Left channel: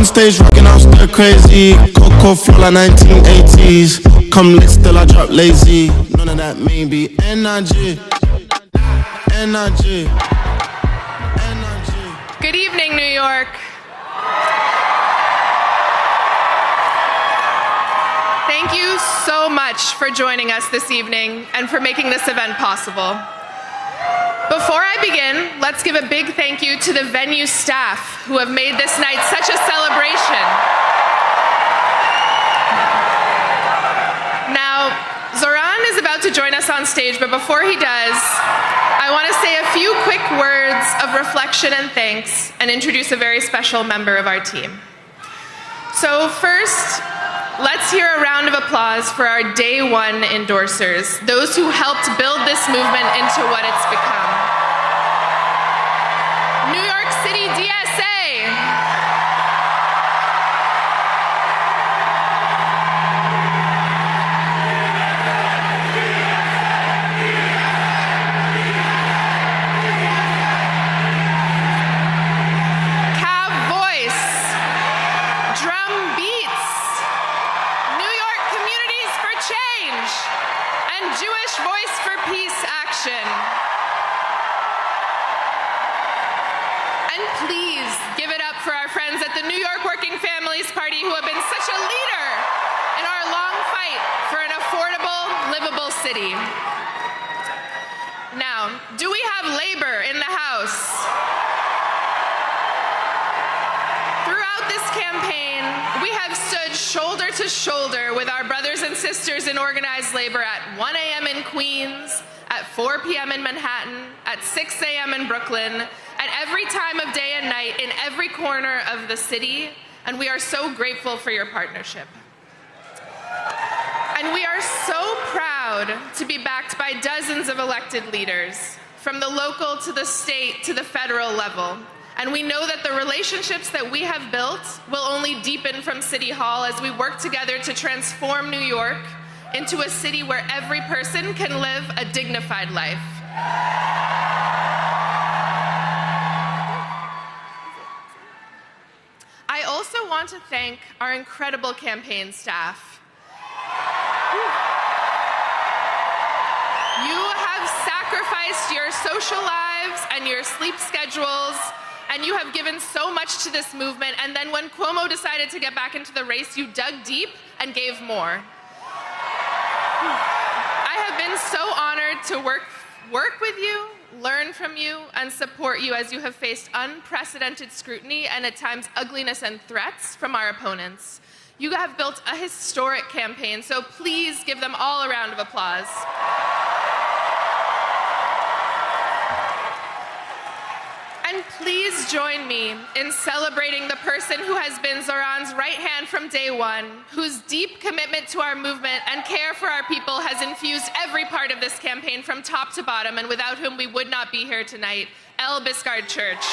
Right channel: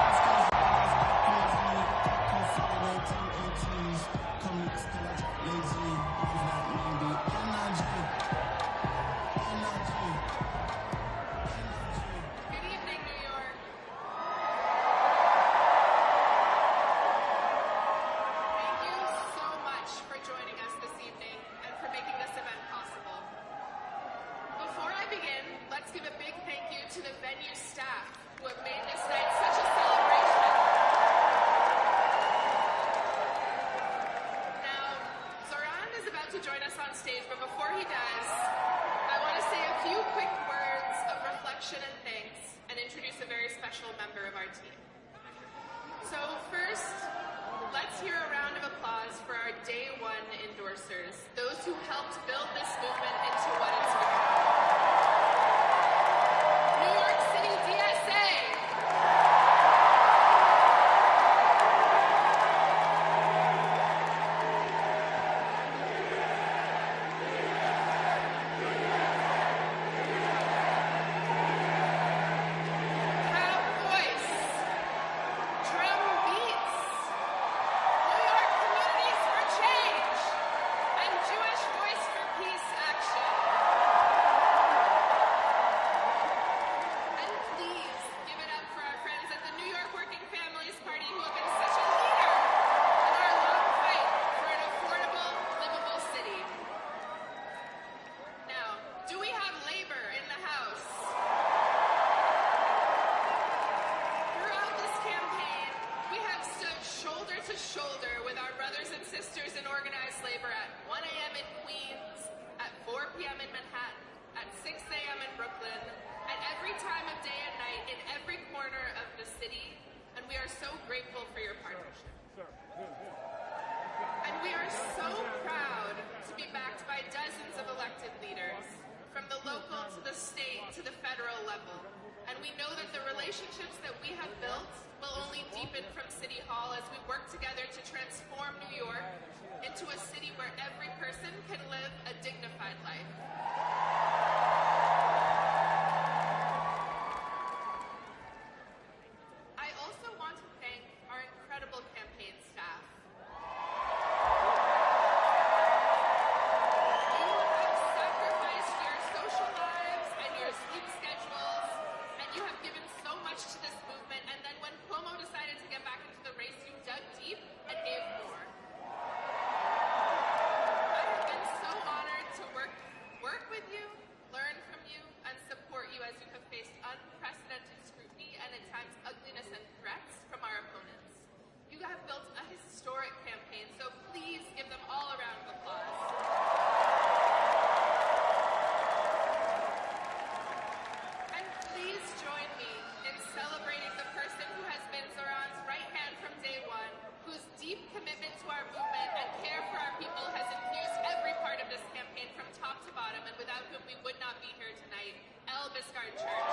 on stage rocking out stir crazy. Coco flow like 1980s. Come lit still I drop lazy. None of that maybe. Energy. Energy. Energy. Good evening, New York. Thank you so much for joining us this evening and for making this event possible. Before I begin, let's give a big thank you to the venue staff who have made this night such a celebration. Now, Zohran is about to join us on stage, but before he does, I want to say a few quick words of reflection and thanks and introduce a very special member of our team. So first, let's hear a round of applause for our day one endorsers, those who helped build this movement into what it's become. New York City DSA. Cab Voice. Drum Beats. New York Communities for Change. And Jewish Voice for Peace Action. And please give it up for our friends at the New York Working Families Party who have been such a leader in our long fight for an affordable, livable city. Now, do we have labor in the house? Throughout this campaign, we have stood shoulder to shoulder with our brothers and sisters in organized labor at 1 a.m. in Queens, at 4 p.m. in Manhattan, at 6 a.m. in Brooklyn, at every time of day and night, in every corner of the city, and we are so grateful for your partnership. And we are so proud to be backed by dozens of elected leaders, from the local to the state to the federal level. And we know that the relationships that we have built will only deepen from City Hall as we work together to transform New York into a city where every person can live a dignified life. I also want to thank our incredible campaign staff. You have sacrificed your social lives and your sleep schedules, and you have given so much to this movement, and then when Cuomo decided to get back into the race, you dug deep and gave more. I have been so honored to work with you, learn from you, and support you as you have faced unprecedented scrutiny and at times ugliness and threats from our opponents. You have built a historic campaign, so please give them all a round of applause. And please join me in celebrating the person who has been Zohran's right hand from day one, whose deep commitment to our movement and care for our people has infused every part of this campaign from top to bottom, and without whom we would not be here tonight, El Biscard Church.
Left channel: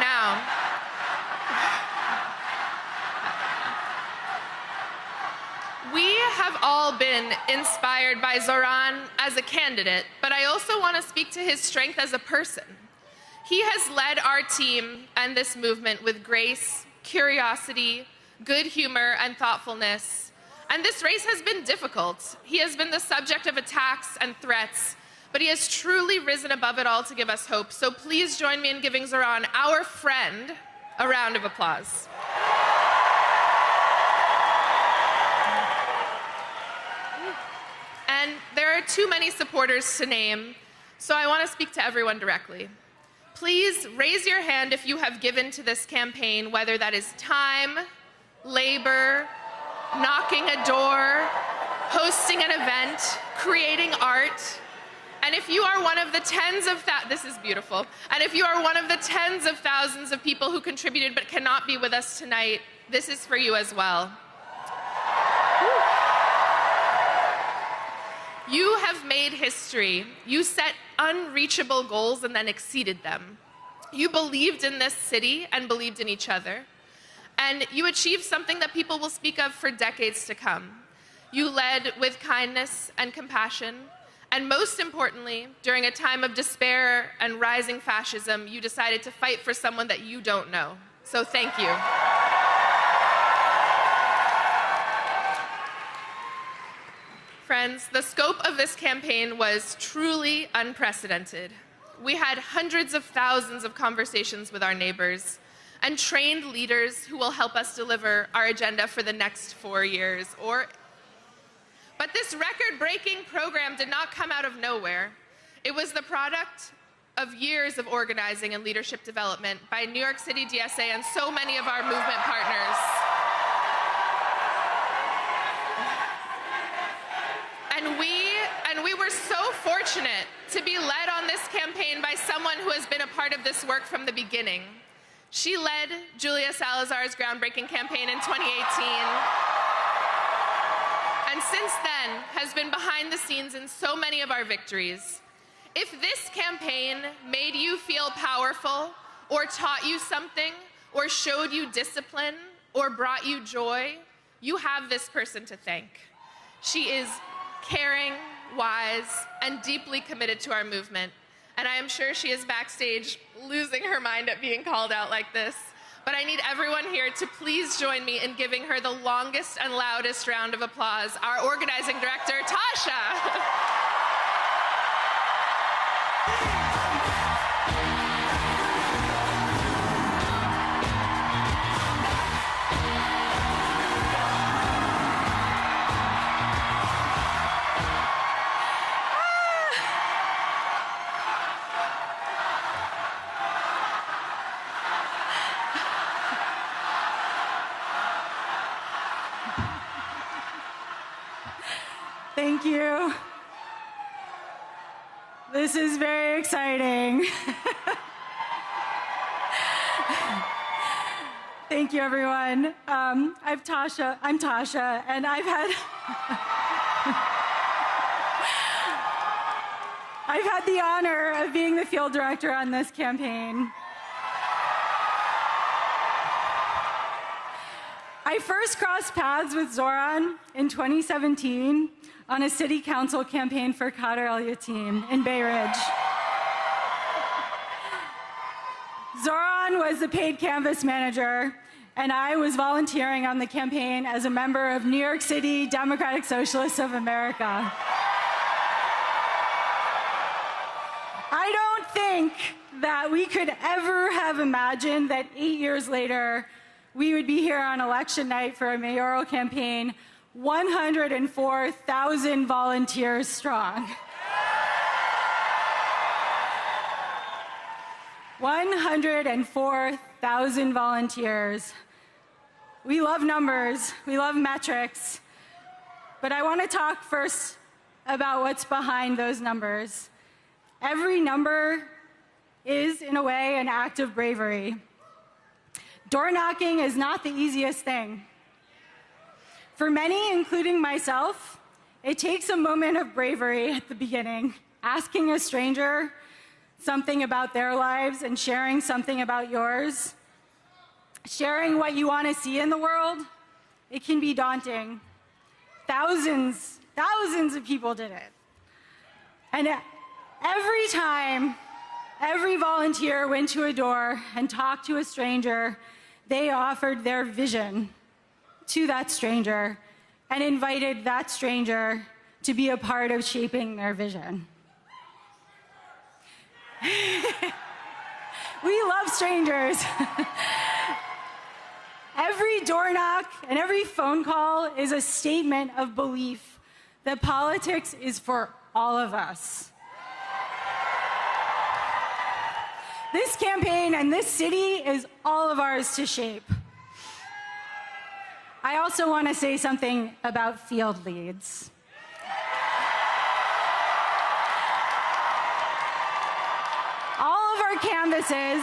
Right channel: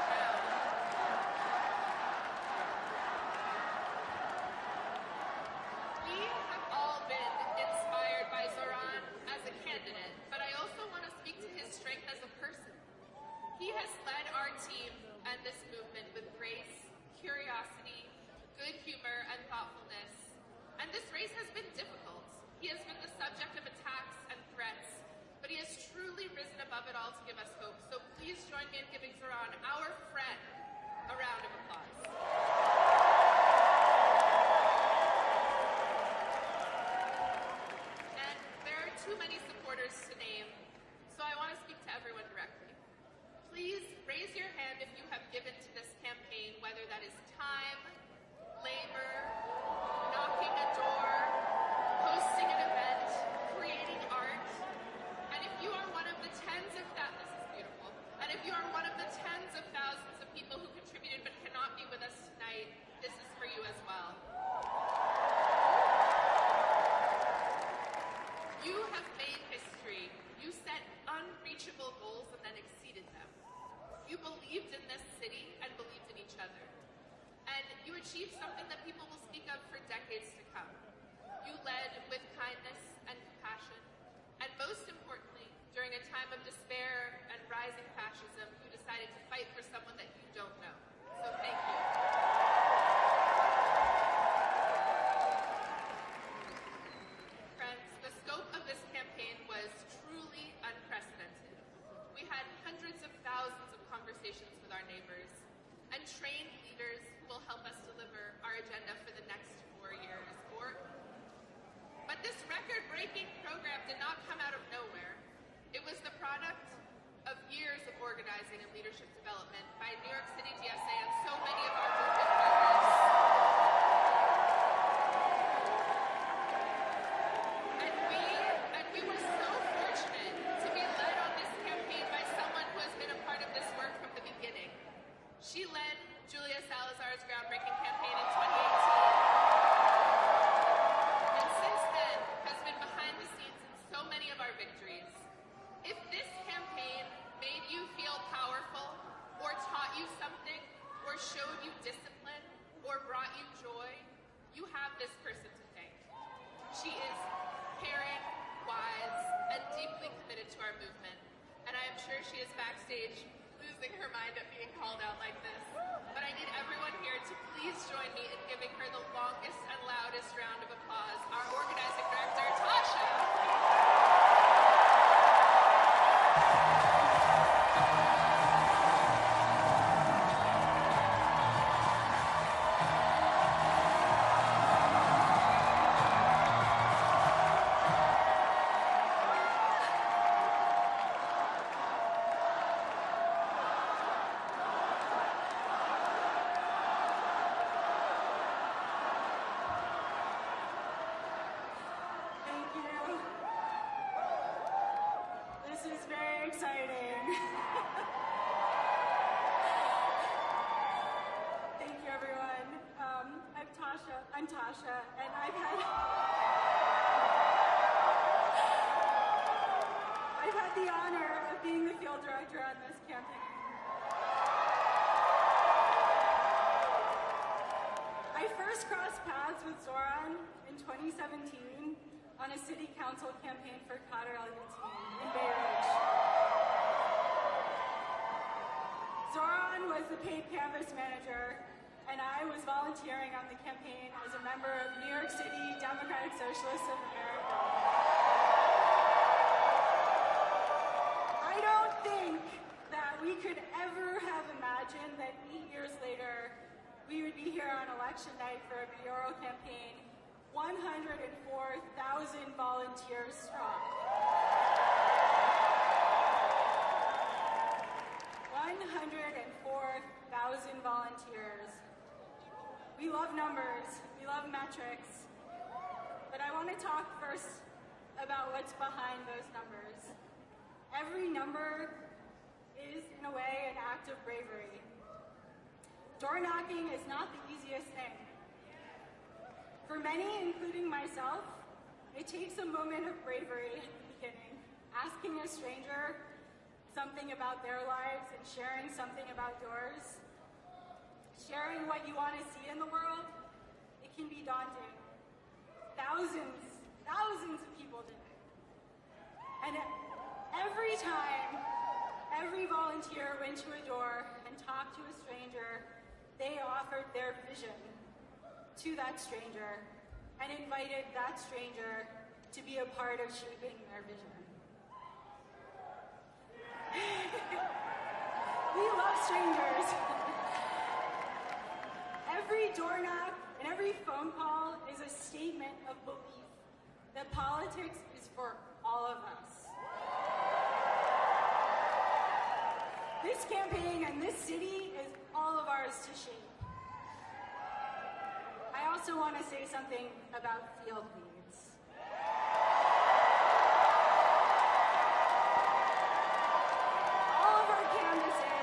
Now, we have all been inspired by Zohran as a candidate, but I also want to speak to his strength as a person. He has led our team and this movement with grace, curiosity, good humor, and thoughtfulness. And this race has been difficult. He has been the subject of attacks and threats, but he has truly risen above it all to give us hope. So please join me in giving Zohran, our friend, a round of applause. And there are too many supporters to name, so I want to speak to everyone directly. Please raise your hand if you have given to this campaign, whether that is time, labor, knocking a door, hosting an event, creating art. And if you are one of the this is beautiful. And if you are one of the tens of thousands of people who contributed but cannot be with us tonight, this is for you as well. You have made history. You set unreachable goals and then exceeded them. You believed in this city and believed in each other. And you achieved something that people will speak of for decades to come. You led with kindness and compassion, And most importantly, during a time of despair and rising fascism, you decided to fight for someone that you don't know. So thank you. Friends, the scope of this campaign was truly unprecedented. We had hundreds of thousands of conversations with our neighbors and trained leaders who will help us deliver our agenda for the next 4 years. But this record-breaking program did not come out of nowhere. It was the product of years of organizing and leadership development by New York City DSA and so many of our movement partners. And we were so fortunate to be led on this campaign by someone who has been a part of this work from the beginning. She led Julia Salazar's groundbreaking campaign in 2018. And since then has been behind the scenes in so many of our victories. If this campaign made you feel powerful, or taught you something, or showed you discipline, or brought you joy, you have this person to thank. She is caring, wise, and deeply committed to our movement. And I am sure she is backstage losing her mind at being called out like this. But I need everyone here to please join me in giving her the longest and loudest round of applause, our organizing director, Tasha. Thank you. This is very exciting. Thank you, everyone. I'm Tasha, and I've had the honor of being the field director on this campaign. I first crossed paths with Zohran in 2017 on a city council campaign for Kader El-Yateem in Bay Ridge. Zohran was the paid canvas manager, and I was volunteering on the campaign as a member of New York City Democratic Socialists of America. I don't think that we could ever have imagined that 8 years later, we would be here on election night for a mayoral campaign, 104,000 volunteers strong. 104,000 volunteers. We love numbers, we love metrics, but I want to talk first about what's behind those numbers. Every number is, in a way, an act of bravery. Door knocking is not the easiest thing. For many, including myself, it takes a moment of bravery at the beginning, asking a stranger something about their lives and sharing something about yours. Sharing what you want to see in the world, it can be daunting. Thousands of people did it. And every time, every volunteer went to a door and talked to a stranger, they offered their vision to that stranger and invited that stranger to be a part of shaping their vision. We love strangers. Every door knock and every phone call is a statement of belief that politics is for all of us. This campaign and this city is all of ours to shape. I also want to say something about field leads. All of our canvases,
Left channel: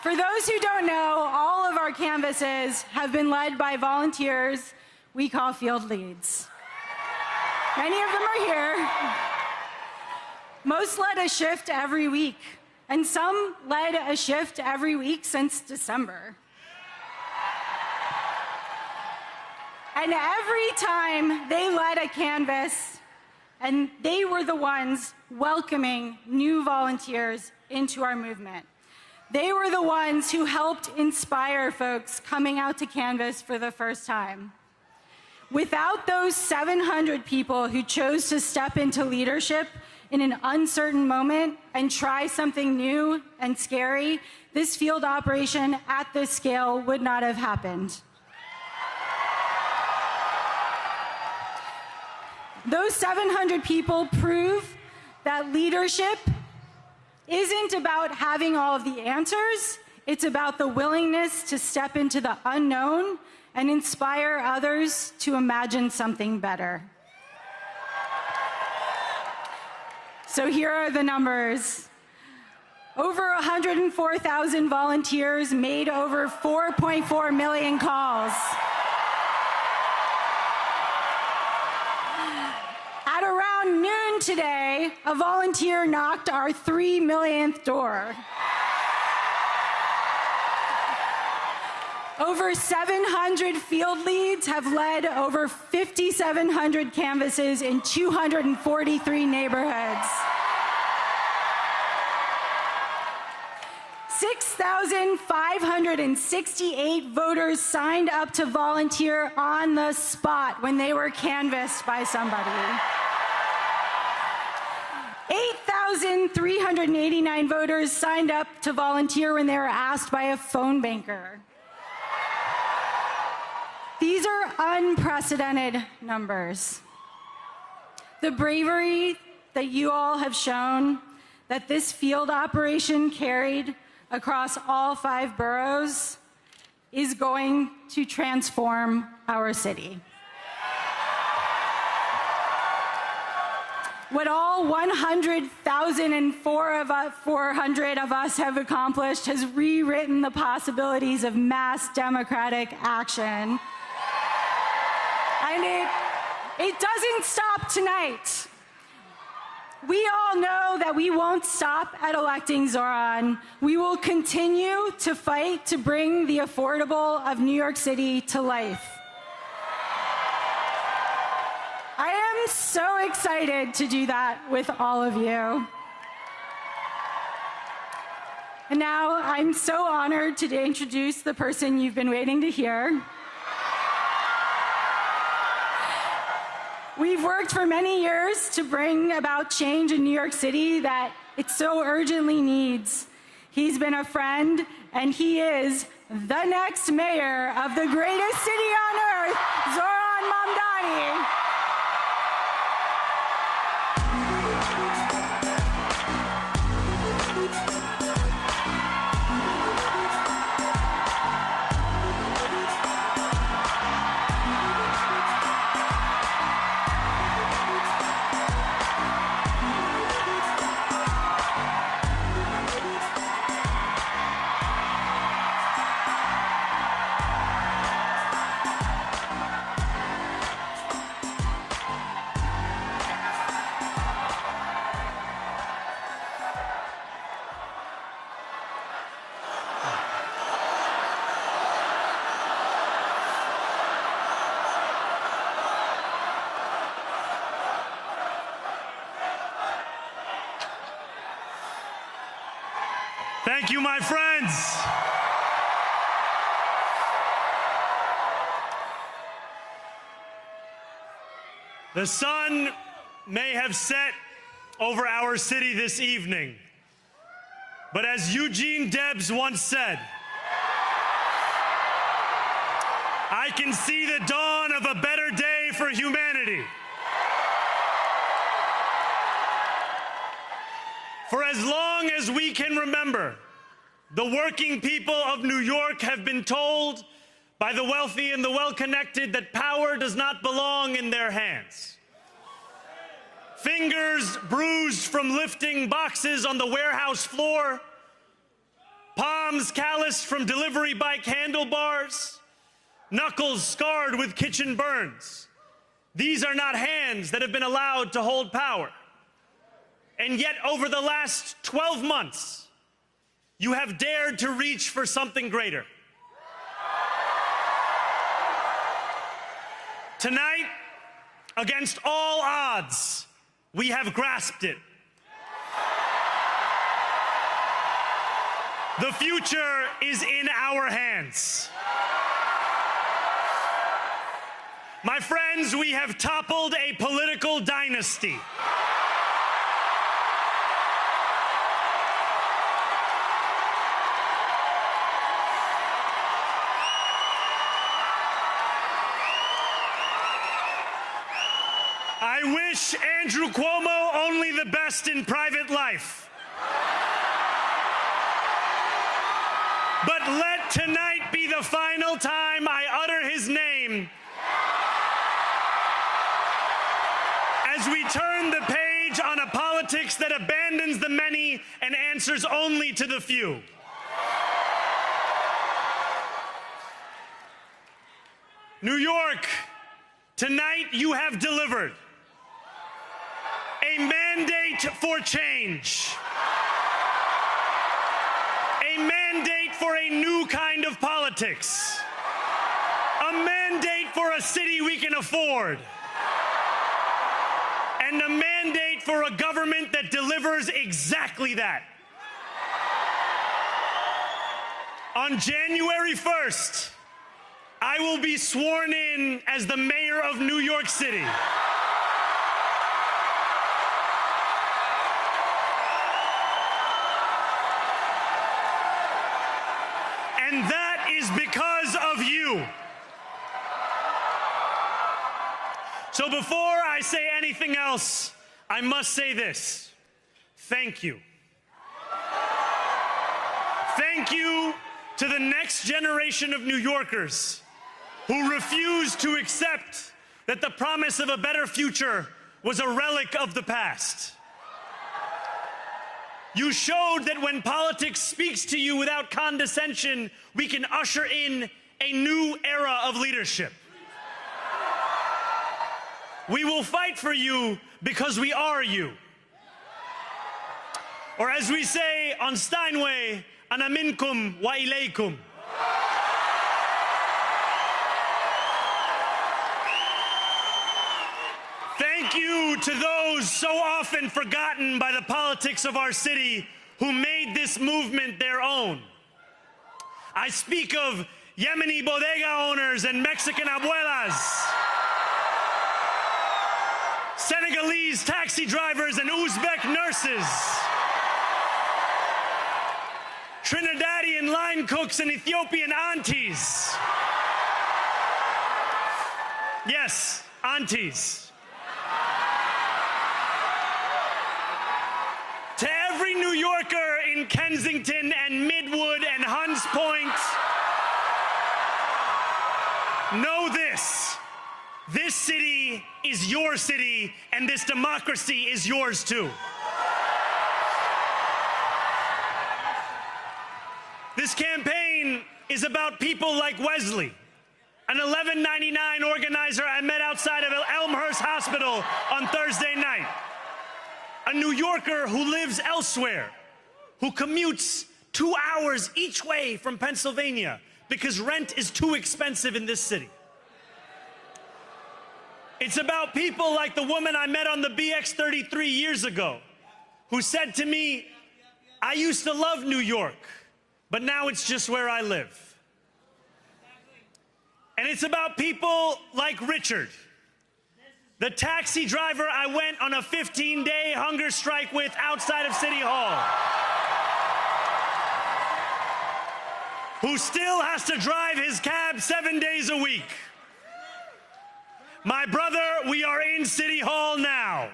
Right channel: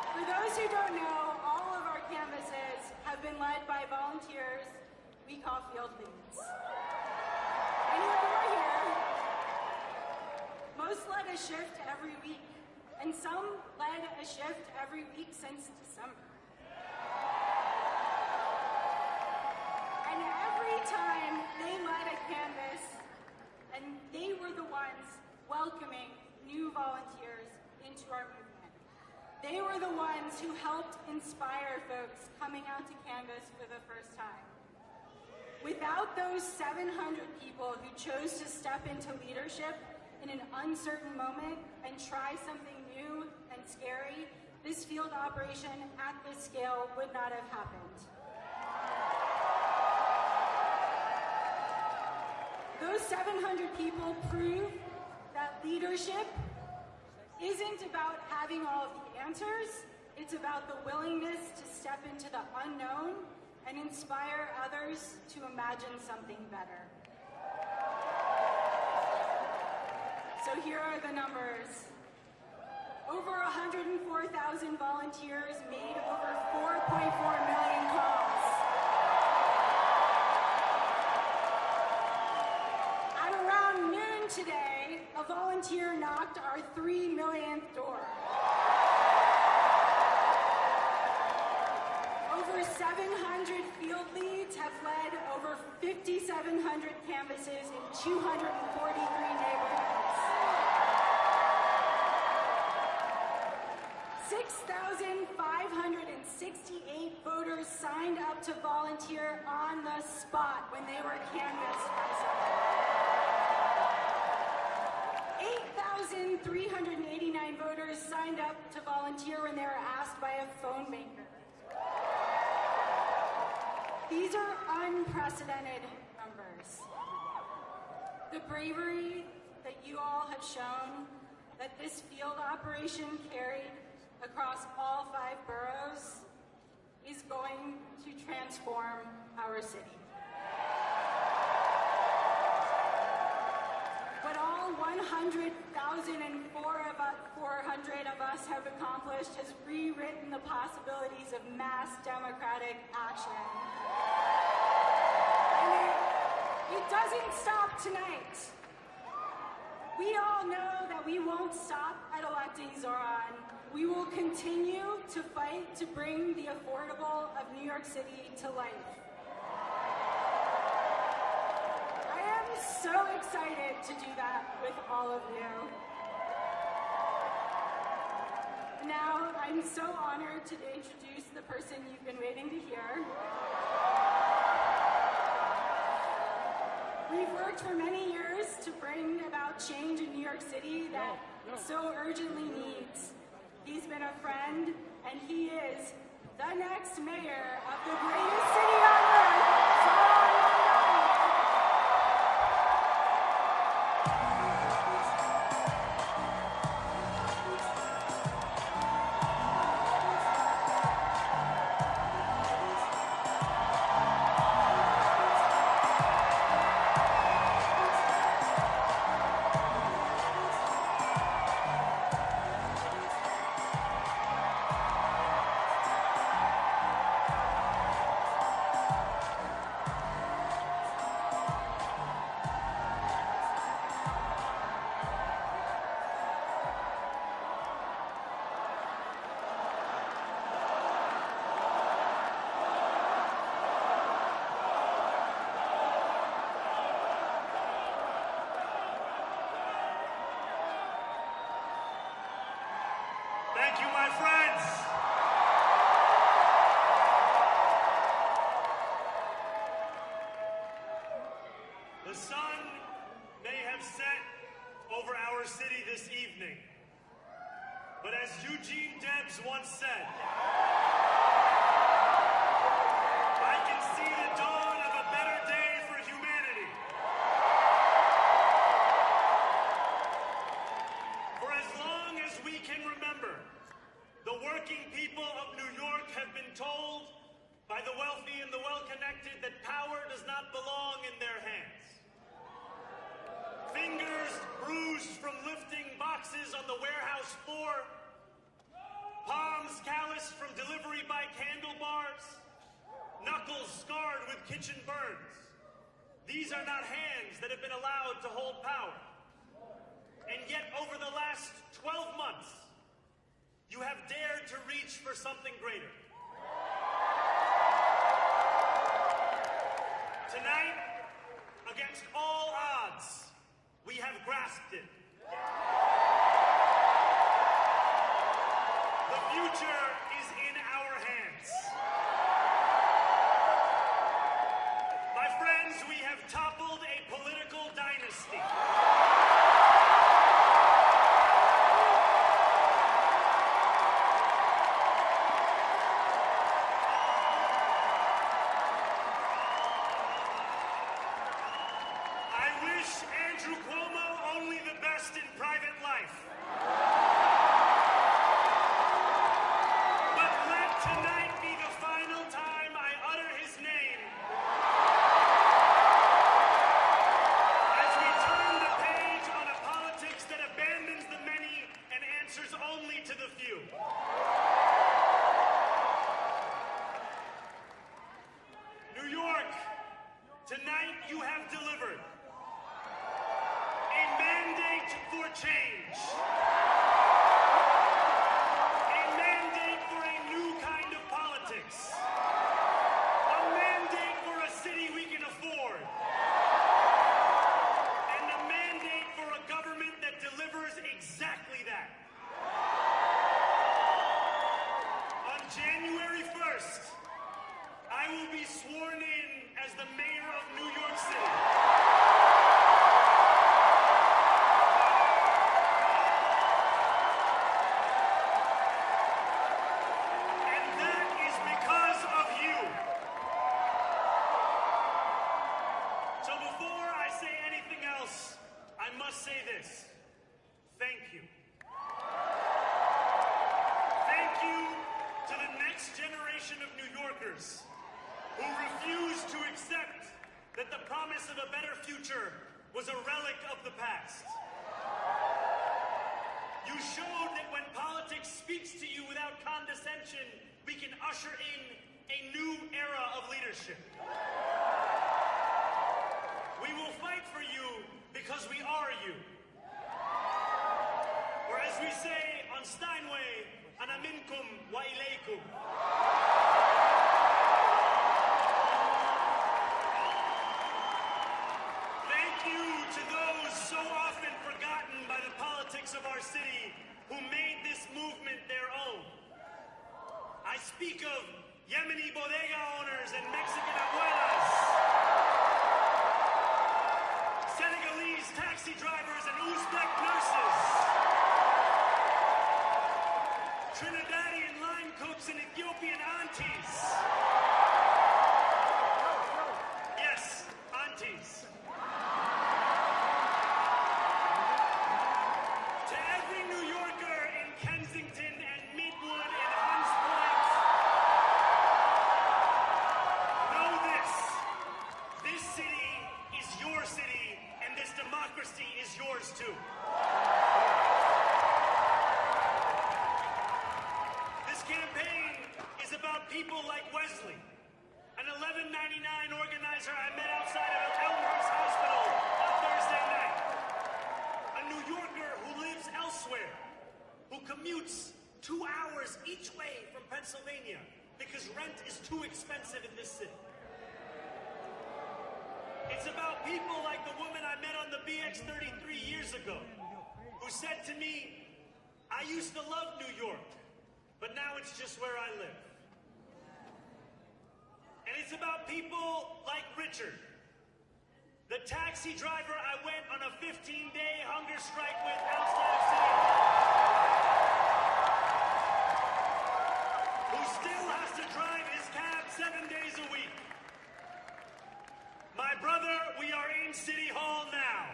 for those who don't know, all of our canvases have been led by volunteers we call field leads. Many of them are here. Most led a shift every week, and some led a shift every week since December. And every time they led a canvas, and they were the ones welcoming new volunteers into our movement. They were the ones who helped inspire folks coming out to canvass for the first time. Without those 700 people who chose to step into leadership in an uncertain moment and try something new and scary, this field operation at this scale would not have happened. Those 700 people prove that leadership isn't about having all of the answers, it's about the willingness to step into the unknown and inspire others to imagine something better. So here are the numbers. Over 104,000 volunteers made over 4.4 million calls. At around noon today, a volunteer knocked our 3 millionth door. Over 700 field leads have led over 5,700 canvasses in 243 neighborhoods. 6,568 voters signed up to volunteer on the spot when they were canvassed by somebody. 8,389 voters signed up to volunteer when they were asked by a phone banker. These are unprecedented numbers. The bravery that you all have shown, that this field operation carried across all 5 boroughs, is going to transform our city. What all 100,400 of us have accomplished has rewritten the possibilities of mass democratic action. And it doesn't stop tonight. We all know that we won't stop at electing Zohran. We will continue to fight to bring the affordable of New York City to life. I am so excited to do that with all of you. And now I'm so honored to introduce the person you've been waiting to hear. We've worked for many years to bring about change in New York City that it so urgently needs. He's been a friend, and he is the next mayor of the greatest city on earth, Zohran Mamdani. Thank you, my friends. The sun may have set over our city this evening, but as Eugene Debs once said, I can see the dawn of a better day for humanity. For as long as we can remember, the working people of New York have been told by the wealthy and the well-connected that power does not belong in their hands. Fingers bruised from lifting boxes on the warehouse floor, palms calloused from delivery bike handlebars, knuckles scarred with kitchen burns. These are not hands that have been allowed to hold power. And yet, over the last 12 months, you have dared to reach for something greater. Tonight, against all odds, We have grasped it. The future is in our hands. My friends, we have toppled a political dynasty. I wish Andrew Cuomo only the best in private life. But let tonight be the final time I utter his name as we turn the page on a politics that abandons the many and answers only to the few. New York, tonight you have delivered a mandate for change. A mandate for a new kind of politics. A mandate for a city we can afford. And a mandate for a government that delivers exactly that. On January 1st, I will be sworn in as the mayor of New York City. And that is because of you. So before I say anything else, I must say this. Thank you. Thank you to the next generation of New Yorkers who refuse to accept that the promise of a better future was a relic of the past. You showed that when politics speaks to you without condescension, we can usher in a new era of leadership. We will fight for you because we are you. Or as we say on Steinway, ana minkum wa ilaykum. Thank you to those so often forgotten by the politics of our city who made this movement their own. I speak of Yemeni bodega owners and Mexican abuelas, Senegalese taxi drivers and Uzbek nurses, Trinidadian line cooks and Ethiopian aunties. Yes, aunties. To every New Yorker in Kensington and Midwood and Hunts Point, know this. This city is your city, and this democracy is yours too. This campaign is about people like Wesley, an $11.99 organizer I met outside of Elmhurst Hospital on Thursday night. A New Yorker who lives elsewhere, who commutes 2 hours each way from Pennsylvania because rent is too expensive in this city. It's about people like the woman I met on the BX33 years ago, who said to me, I used to love New York, but now it's just where I live. And it's about people like Richard, the taxi driver I went on a 15-day hunger strike with outside of City Hall, who still has to drive his cab 7 days a week. My brother, we are in City Hall now.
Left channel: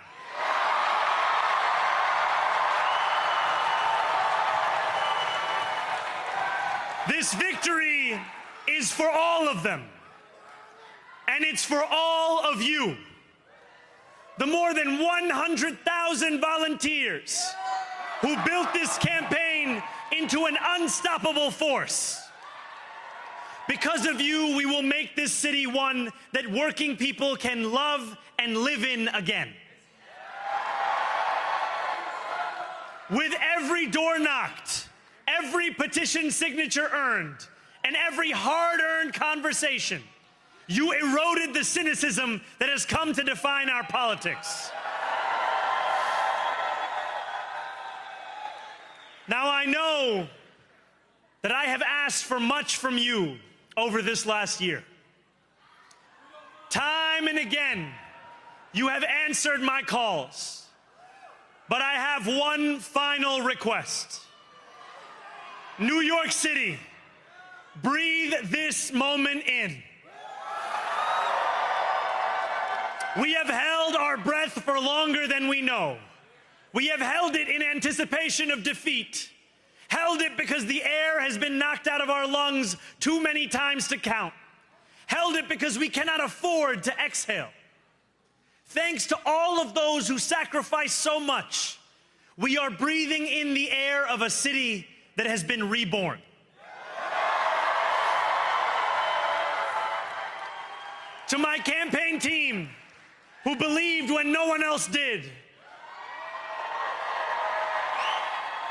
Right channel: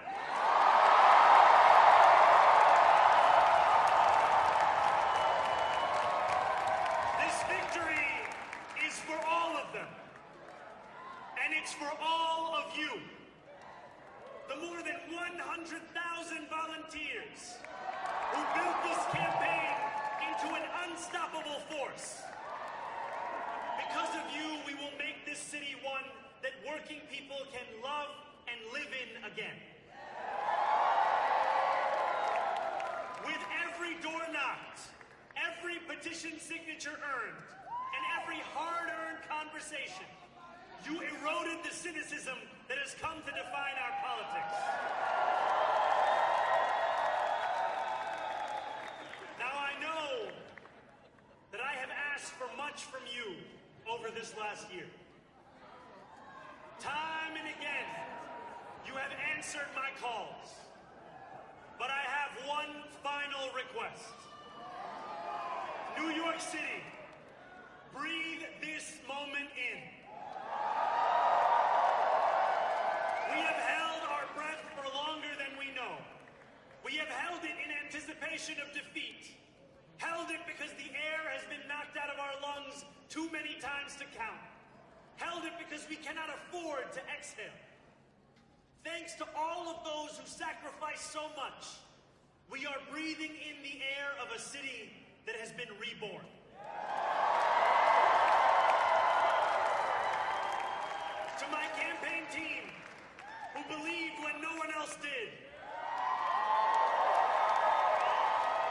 This victory is for all of them, and it's for all of you. The more than 100,000 volunteers who built this campaign into an unstoppable force. Because of you, we will make this city one that working people can love and live in again. With every door knocked, every petition signature earned, and every hard-earned conversation, you eroded the cynicism that has come to define our politics. I know that I have asked for much from you over this last year. Time and again, you have answered my calls. But I have one final request. New York City, breathe this moment in. We have held our breath for longer than we know. We have held it in anticipation of defeat. Held it because the air has been knocked out of our lungs too many times to count. Held it because we cannot afford to exhale. Thanks to all of those who sacrificed so much, we are breathing in the air of a city that has been reborn. To my campaign team, who believed when no one else did,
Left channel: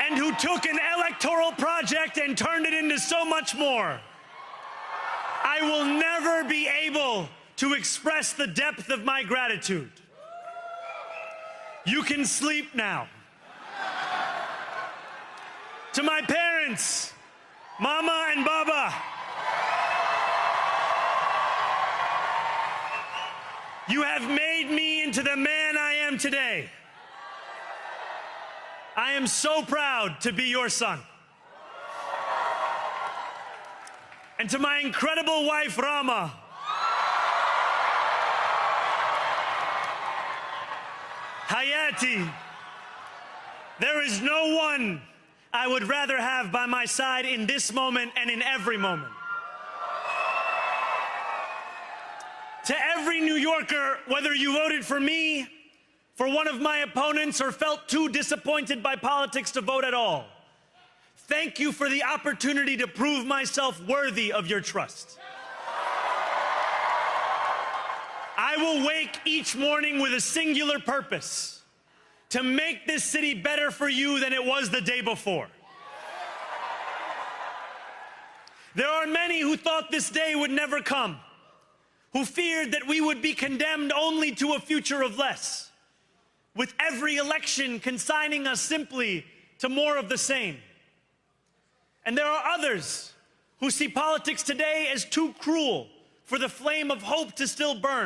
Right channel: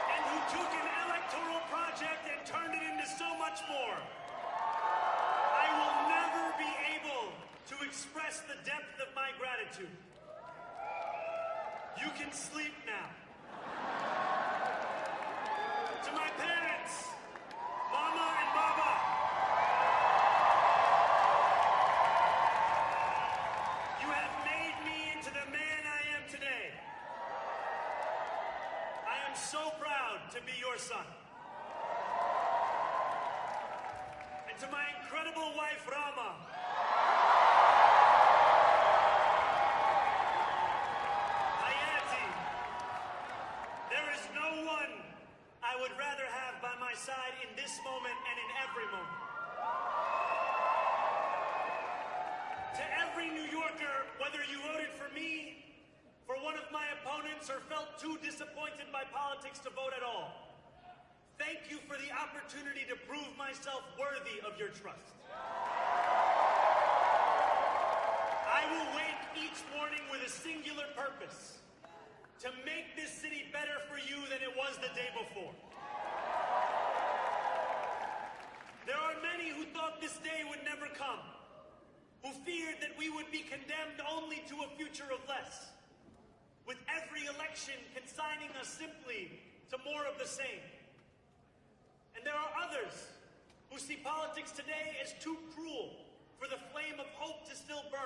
and who took an electoral project and turned it into so much more, I will never be able to express the depth of my gratitude. You can sleep now. To my parents, Mama and Baba, you have made me into the man I am today. I am so proud to be your son. And to my incredible wife, Rama, Hayati, there is no one I would rather have by my side in this moment and in every moment. To every New Yorker, whether you voted for me, for one of my opponents, or felt too disappointed by politics to vote at all, thank you for the opportunity to prove myself worthy of your trust. I will wake each morning with a singular purpose: to make this city better for you than it was the day before. There are many who thought this day would never come, who feared that we would be condemned only to a future of less, with every election consigning us simply to more of the same. And there are others who see politics today as too cruel for the flame of hope to still burn.